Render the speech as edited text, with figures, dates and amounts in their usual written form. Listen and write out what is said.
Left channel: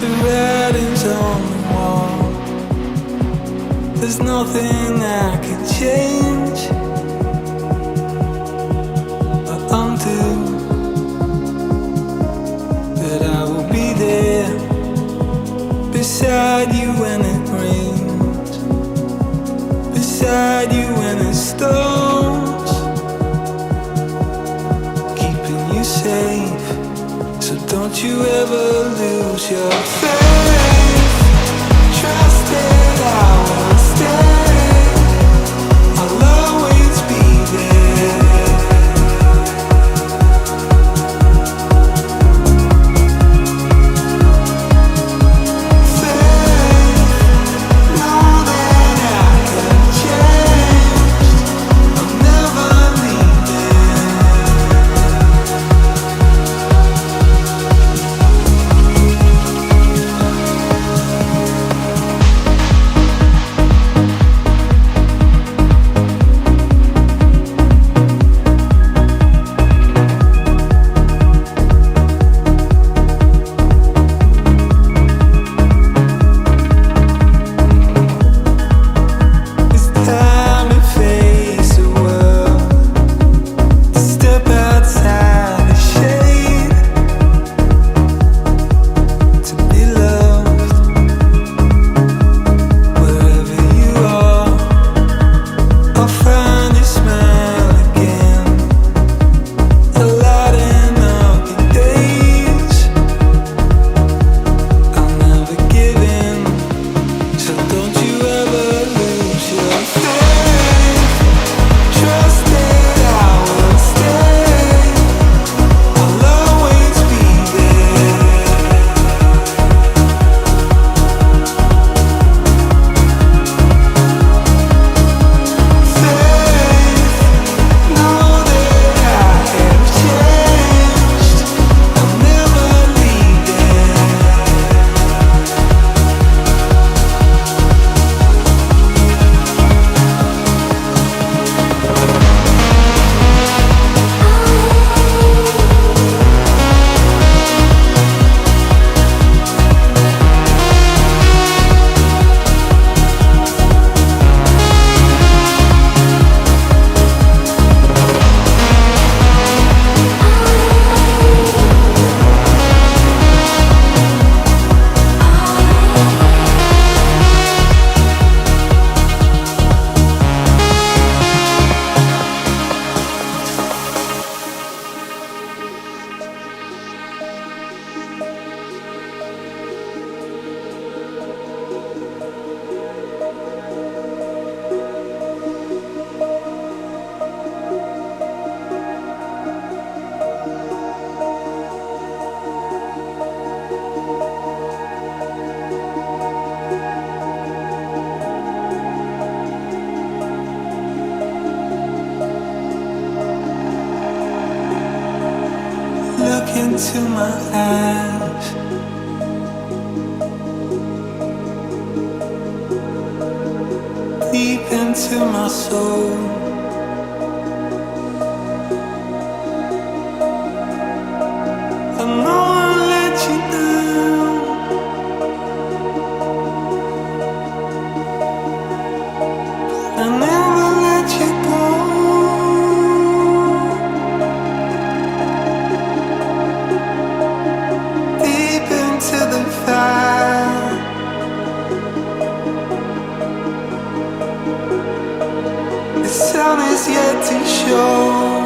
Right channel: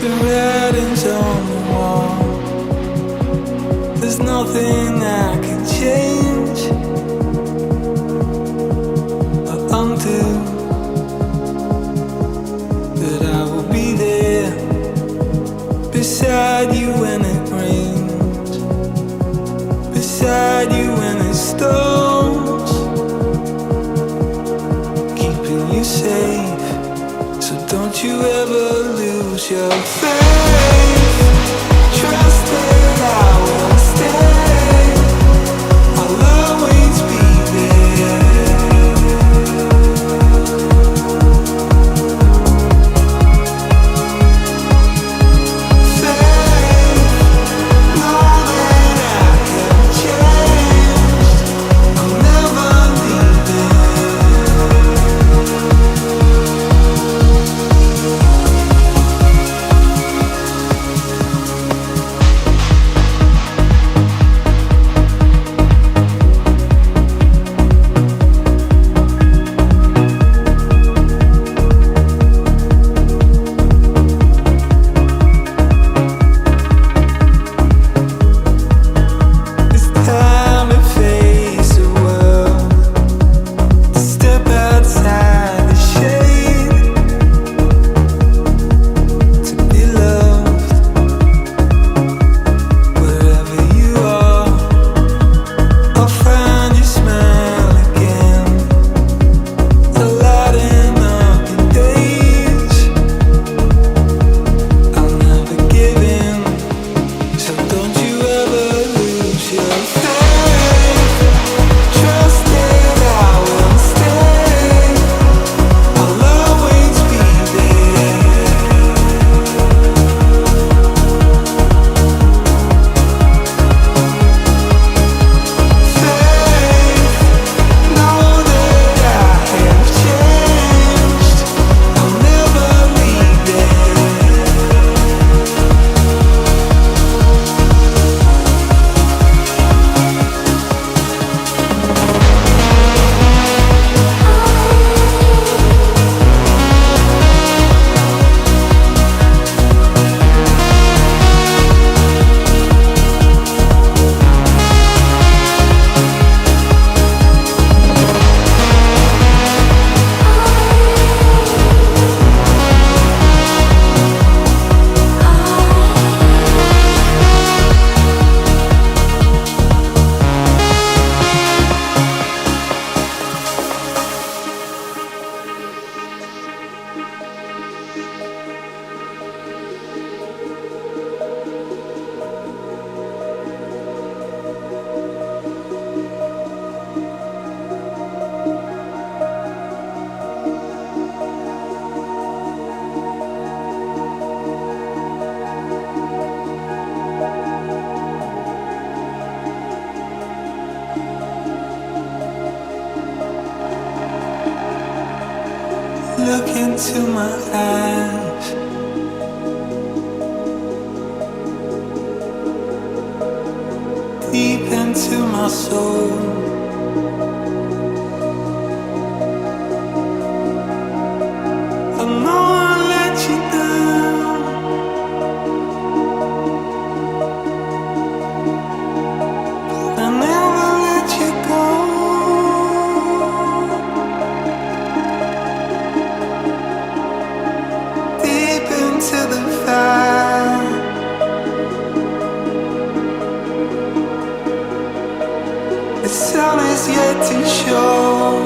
The writing's on the wall. There's nothing I can change or undo, but I will be there beside you when it rains, beside you when it storms, keeping you safe. So don't you ever lose your faith. Trust that I will stay. I'll always be there. Faith, know that I have changed. I'm never leaving. Look into my eyes. Deep into my soul. I know I let you down. I never let you go. To the fire, the sun is yet to show.